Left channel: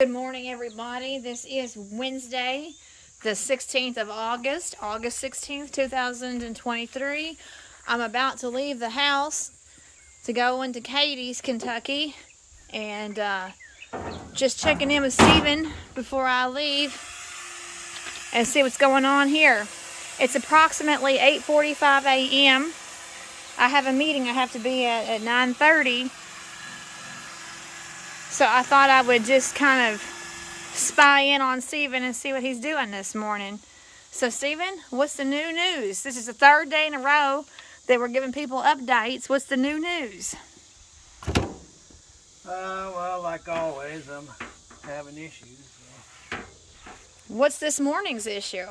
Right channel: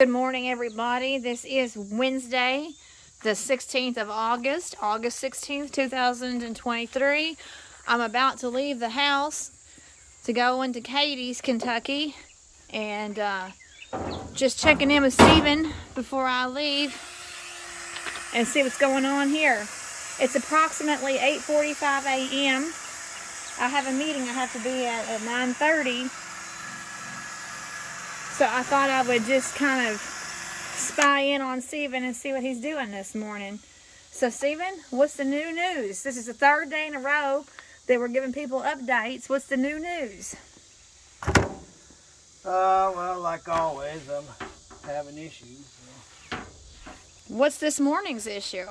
Good morning, everybody. This is Wednesday, the 16th of August, August 16th, 2023. I'm about to leave the house to go into Cadiz, Kentucky, and just checking in with Stephen before I leave and see what's going on here. It's approximately 8:45 a.m. I have a meeting I have to be at 9:30. So I thought I would just kind of spy in on Stephen and see what he's doing this morning. So Stephen, what's the new news? This is the third day in a row that we're giving people updates. What's the new news? Well, like always, I'm having issues. What's this morning's issue?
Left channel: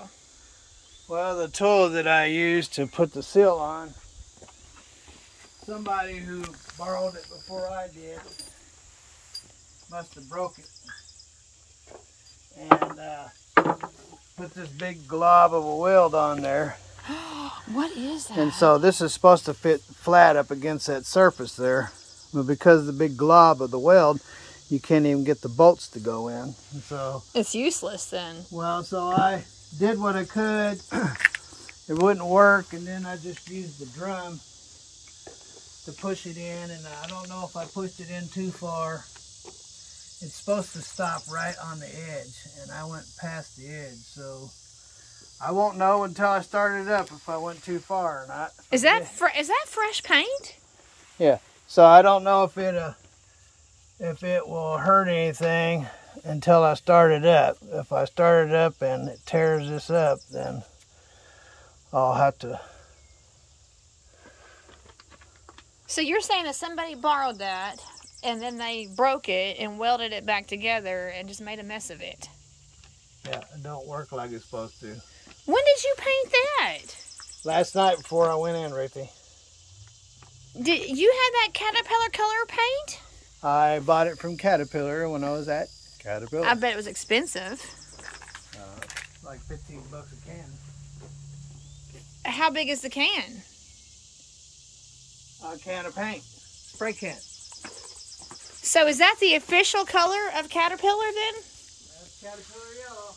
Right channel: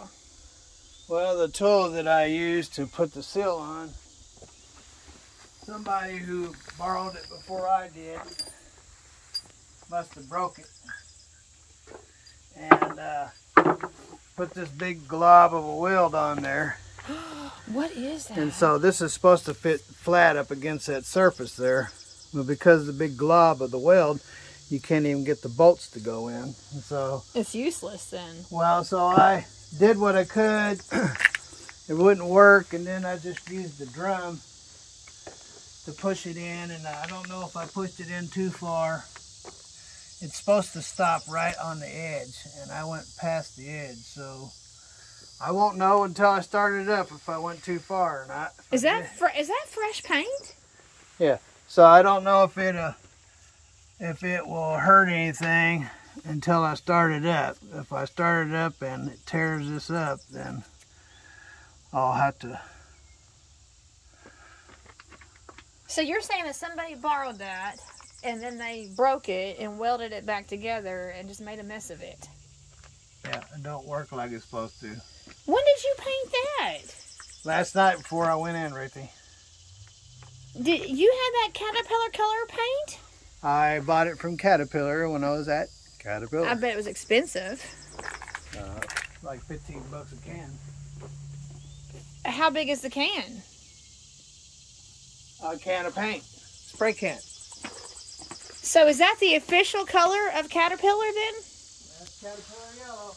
Well, the tool that I used to put the seal on, somebody who borrowed it before I did must have broke it and put this big glob of a weld on there. What is that? And so this is supposed to fit flat up against that surface there, but because of the big glob of the weld, you can't even get the bolts to go in. And so it's useless then. well, so I did what I could. It wouldn't work, and then I just used the drum to push it in, and I don't know if I pushed it in too far. It's supposed to stop right on the edge, and I went past the edge, so I won't know until I start it up if I went too far or not. Is that fresh paint? Yeah. So I don't know if it will hurt anything until I start it up. If I start it up and it tears this up, then I'll have to. So you're saying that somebody borrowed that and then they broke it and welded it back together and just made a mess of it? Yeah, it don't work like it's supposed to. When did you paint that? Last night before I went in, Ruthie. Did you have that Caterpillar color paint? I bought it from Caterpillar when I was at Caterpillar. I bet it was expensive. Like 15 bucks a can. How big is the can? A can of paint. Spray can. So is that the official color of Caterpillar then? That's Caterpillar yellow.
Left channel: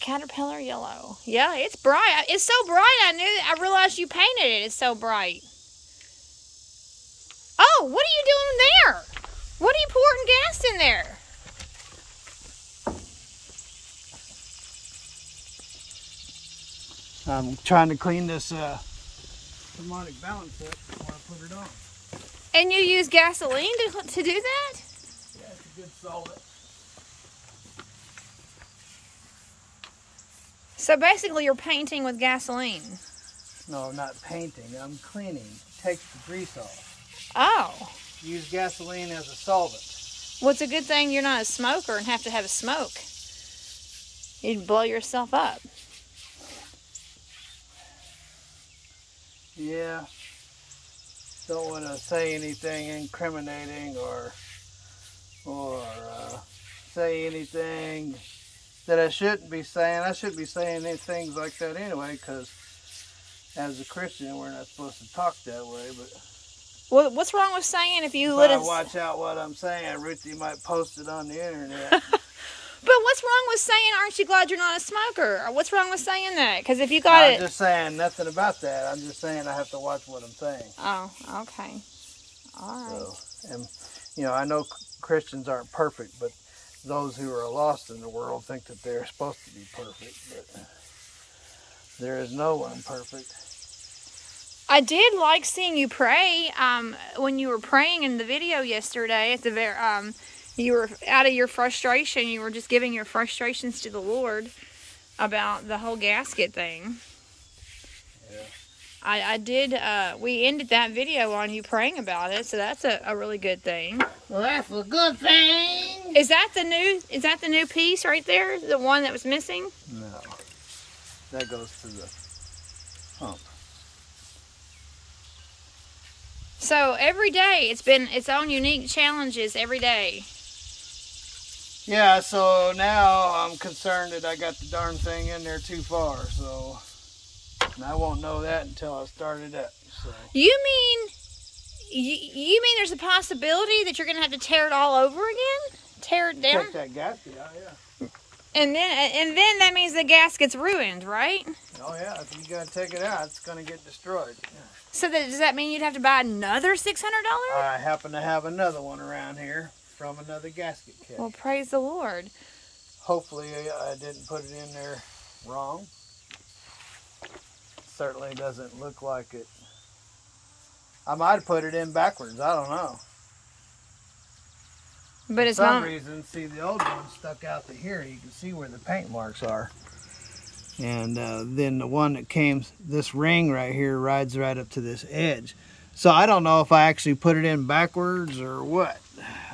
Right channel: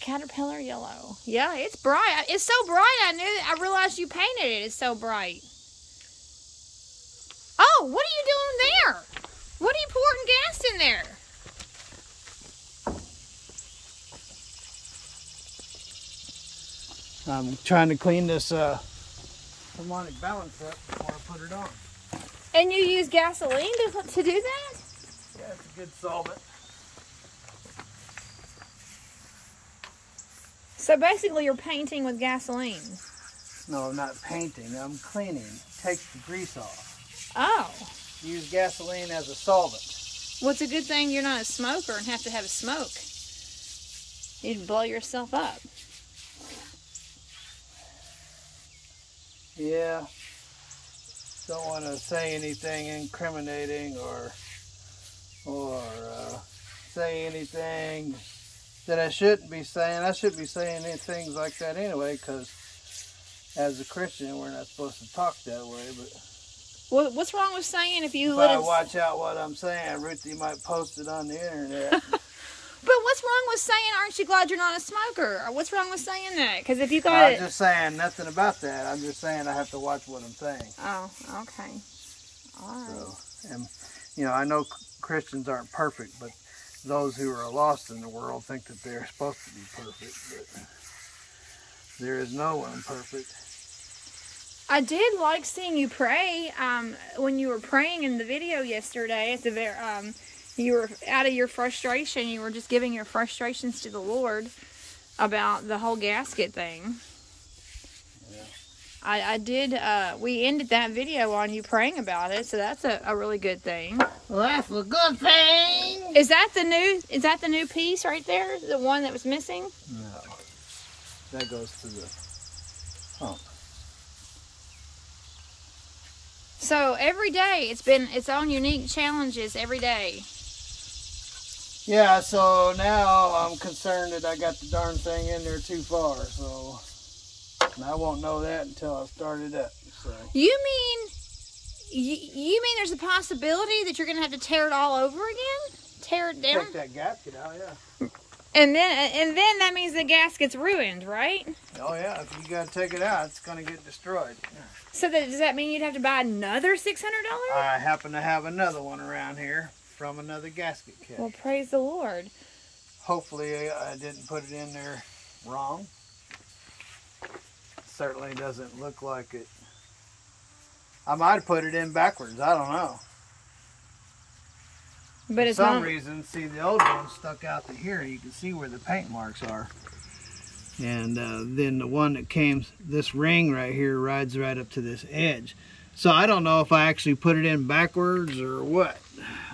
Caterpillar yellow. Yeah, it's bright. It's so bright I realized you painted it. It's so bright. Oh, what are you doing there? What are you pouring gas in there? I'm trying to clean this harmonic balance up before I put it on. And you use gasoline to do that? Yeah, it's a good solvent. So basically you're painting with gasoline. No, not painting. I'm cleaning. It takes the grease off. Oh. Use gasoline as a solvent. Well, it's a good thing you're not a smoker and have to have a smoke. You'd blow yourself up. Yeah. Don't want to say anything incriminating or say anything that I shouldn't be saying. I shouldn't be saying things like that anyway, because as a Christian, we're not supposed to talk that way. But well, what's wrong with saying if you I watch out what I'm saying, Ruthie might post it on the internet. But what's wrong with saying, aren't you glad you're not a smoker? Or what's wrong with saying that? Because if you got I'm just saying nothing about that. I'm just saying I have to watch what I'm saying. Oh, okay. All right. So, and, you know, I know Christians aren't perfect, but those who are lost in the world think that they're supposed to be perfect. But there is no one perfect. I did like seeing you pray. When you were praying in the video yesterday, at the very, you were out of your frustration. You were just giving your frustrations to the Lord about the whole gasket thing. Yeah. I did. We ended that video on you praying about it, so that's a really good thing. Well, that's a good thing. Is that the new? Is that the new piece right there? The one that was missing? No, that goes to the hump. So every day it's been its own unique challenges every day. Yeah, so now I'm concerned that I got the darn thing in there too far, so and I won't know that until I start it up. So. You mean there's a possibility that you're going to have to tear it all over again? tear it down? Take that gasket out, yeah. And then that means the gasket's ruined, right? Oh yeah, if you gotta take it out, it's gonna get destroyed. Yeah. So does that mean you'd have to buy another $600? I happen to have another one around here from another gasket kit. Well, praise the Lord. Hopefully I didn't put it in there wrong. Certainly doesn't look like it. I might have put it in backwards, I don't know. But For it's some not. reason, see, the old one stuck out to here. You can see where the paint marks are. And then the one that came, this ring right here rides right up to this edge. So I don't know if I actually put it in backwards or what,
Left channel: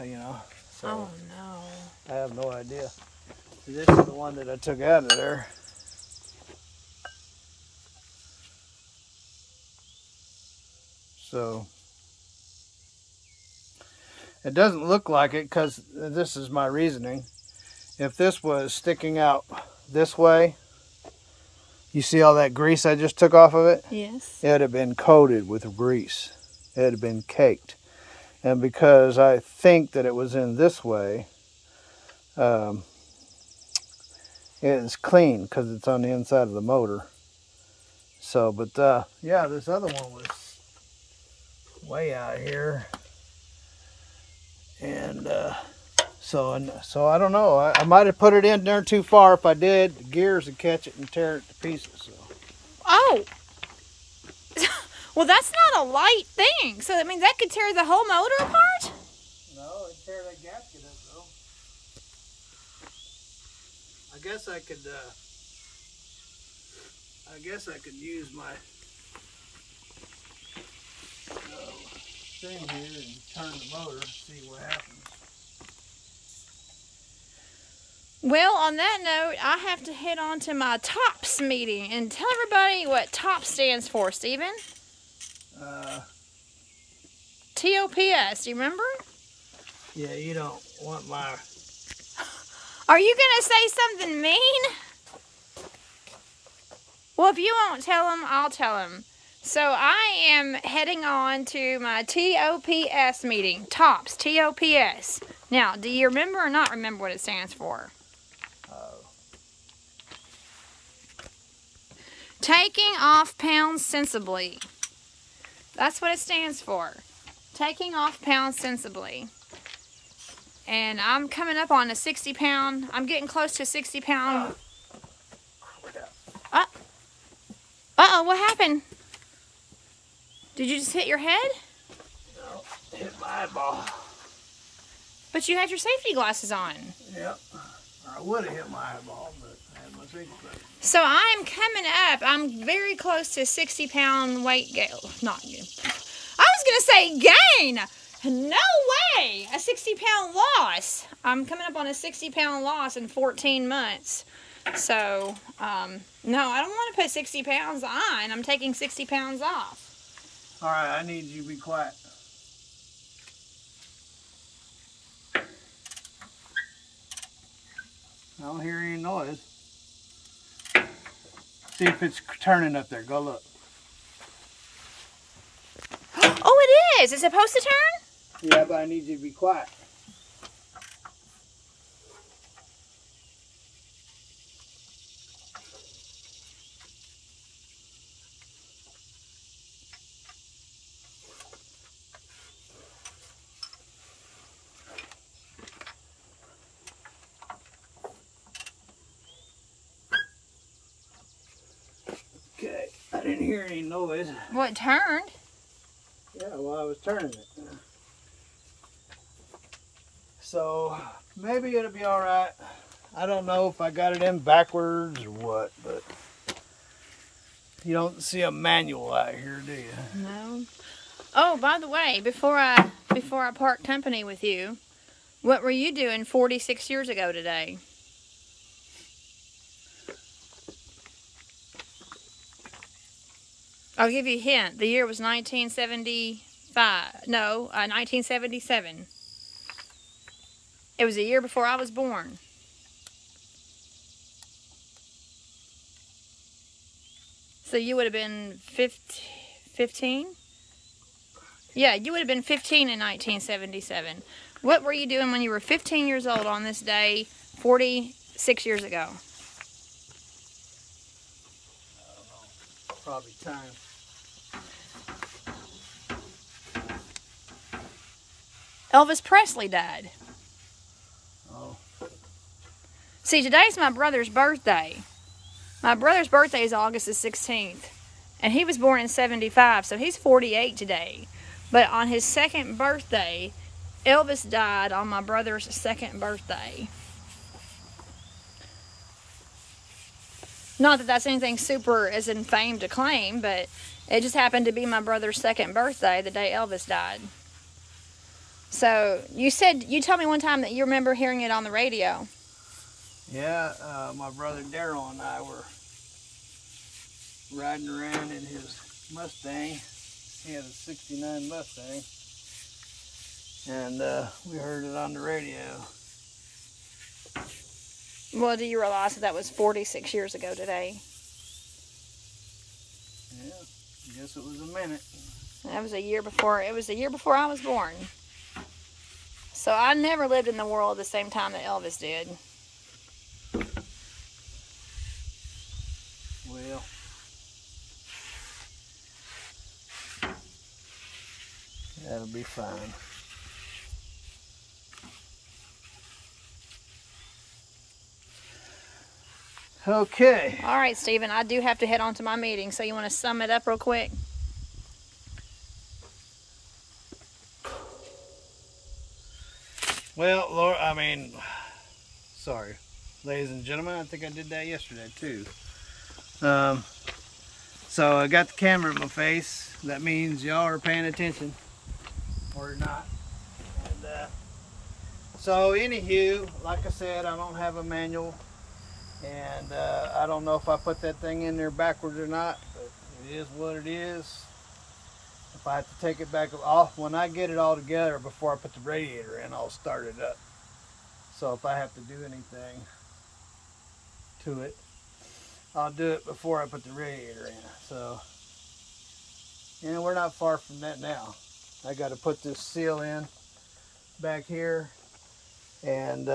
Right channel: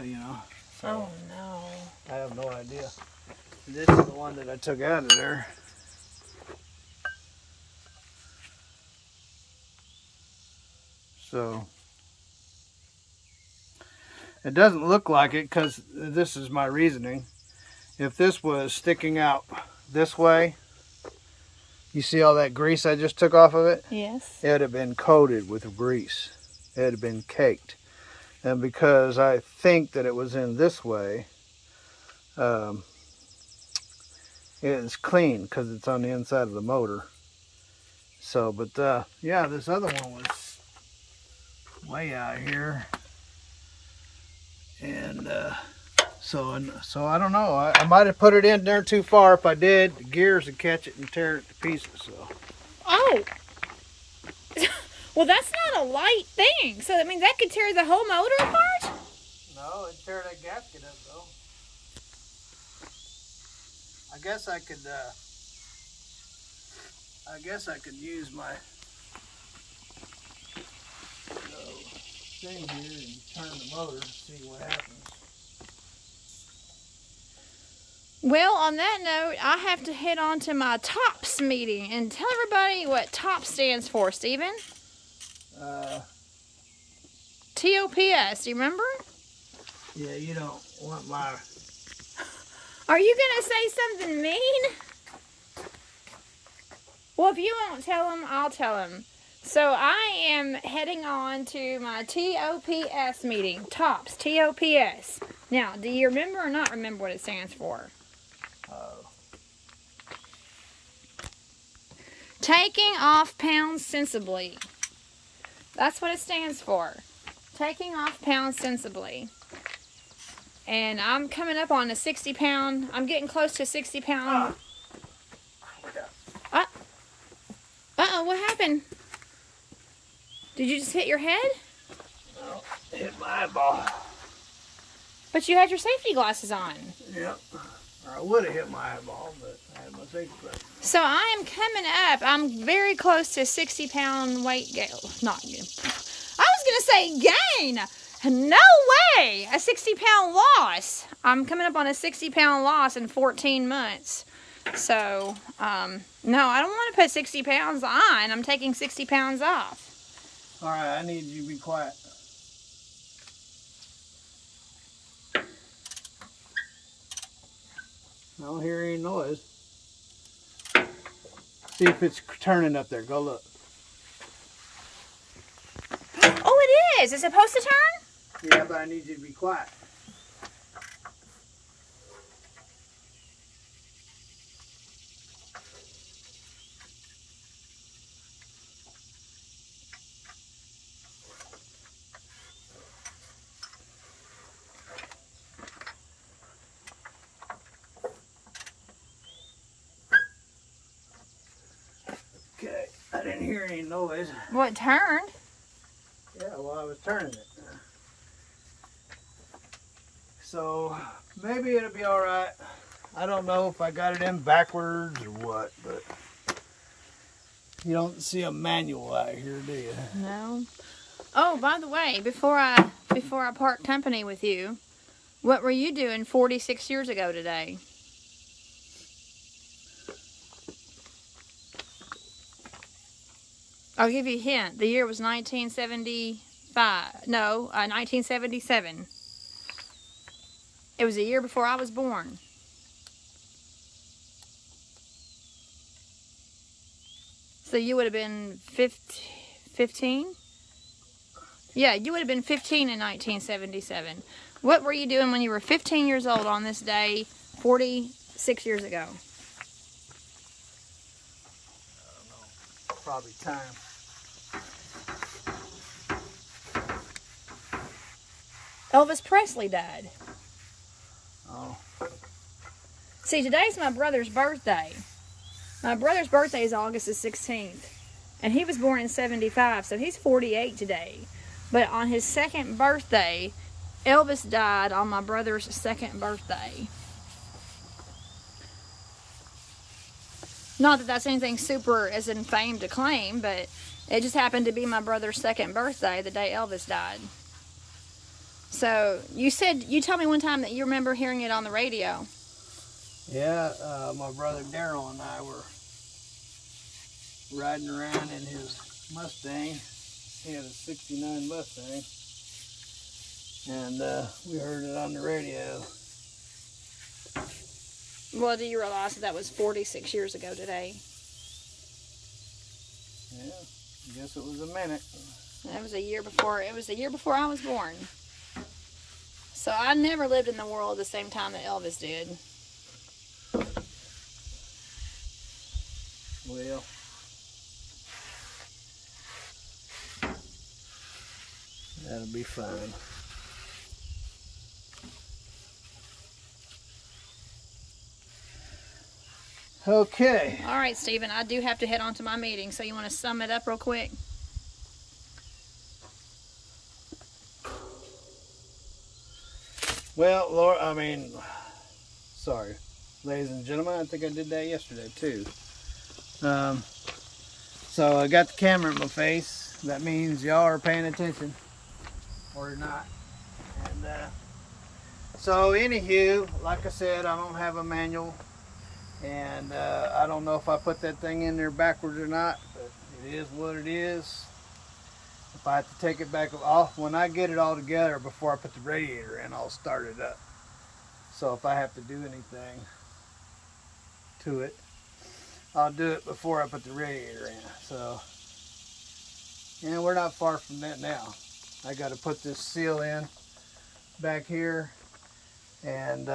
you know. So Oh no. I have no idea. This is the one that I took out of there. So it doesn't look like it because this is my reasoning. If this was sticking out this way, you see all that grease I just took off of it? Yes. It had been coated with grease. It had been caked. And because I think that it was in this way, it is clean because it's on the inside of the motor. So, but yeah, this other one was way out here. And so I don't know. I might have put it in there too far. If I did, the gears would catch it and tear it to pieces. So. Oh. Well, that's not a light thing. So, I mean, that could tear the whole motor apart? No, it'd tear that gasket up, though. I guess I could use my thing here and turn the motor and see what happens. Well, on that note, I have to head on to my TOPS meeting and tell everybody what TOPS stands for, Stephen. TOPS, do you remember? Yeah, you don't want my... Are you going to say something mean? Well, if you won't tell him, I'll tell him. So I am heading on to my TOPS meeting. TOPS, T-O-P-S. Now, do you remember or not remember what it stands for? Taking off pounds sensibly. That's what it stands for. Taking off pounds sensibly. And I'm coming up on a 60-pound. I'm getting close to a 60-pound. Uh-oh, what happened? Did you just hit your head? No, hit my eyeball. But you had your safety glasses on. Yep. I would have hit my eyeball, but I had my safety glasses. So I'm coming up. I'm very close to 60-pound weight gain. Not gain. I was going to say gain. No way. A 60-pound loss. I'm coming up on a 60-pound loss in 14 months. So, no, I don't want to put 60 pounds on. I'm taking 60 pounds off. All right, I need you to be quiet. I don't hear any noise. See if it's turning up there. Go look. Oh, it is. It's supposed to turn? Yeah, but I need you to be quiet. Okay, I didn't hear any noise. Well, it turned. Yeah, well, I was turning it. So, maybe it'll be all right. I don't know if I got it in backwards or what, but you don't see a manual out here, do you? No. Oh, by the way, before I part company with you, what were you doing 46 years ago today? I'll give you a hint. The year was 1975. No, 1977. It was a year before I was born. So you would have been 15? Yeah, you would have been 15 in 1977. What were you doing when you were 15 years old on this day 46 years ago? I don't know. Probably time. Elvis Presley died. Oh. See, today's my brother's birthday. My brother's birthday is August the 16th. And he was born in 75, so he's 48 today. But on his second birthday, Elvis died on my brother's second birthday. Not that that's anything super as in fame to claim, but it just happened to be my brother's second birthday, the day Elvis died. So, you told me one time that you remember hearing it on the radio. Yeah, my brother Daryl and I were riding around in his Mustang. He had a 69 Mustang. And we heard it on the radio. Well, do you realize that was 46 years ago today? Yeah, I guess it was a minute. That was a year before. It was a year before I was born. So I never lived in the world at the same time that Elvis did. Well, that'll be fine. Okay. All right, Stephen, I do have to head on to my meeting, so you want to sum it up real quick? Well, Laura, sorry, ladies and gentlemen, I think I did that yesterday too. So I got the camera in my face. That means y'all are paying attention, or you're not. And so anywho, like I said, I don't have a manual, and I don't know if I put that thing in there backwards or not, but it is what it is. If I have to take it back off, when I get it all together before I put the radiator in, I'll start it up. So if I have to do anything to it, I'll do it before I put the radiator in. So, and we're not far from that now. I got to put this seal in back here and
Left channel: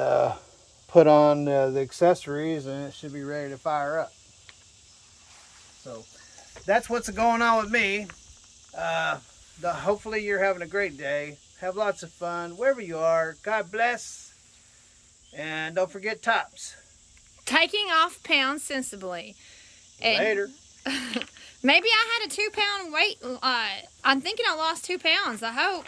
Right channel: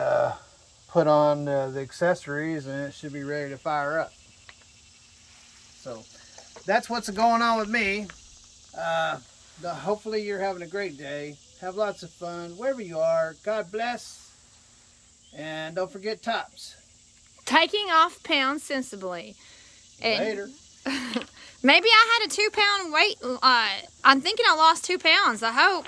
put on the accessories, and it should be ready to fire up. So that's what's going on with me. Hopefully you're having a great day. Have lots of fun wherever you are. God bless. And don't forget tops. Taking off pounds sensibly. And Later. maybe I had a 2-pound weight. I'm thinking I lost 2 pounds. I hope.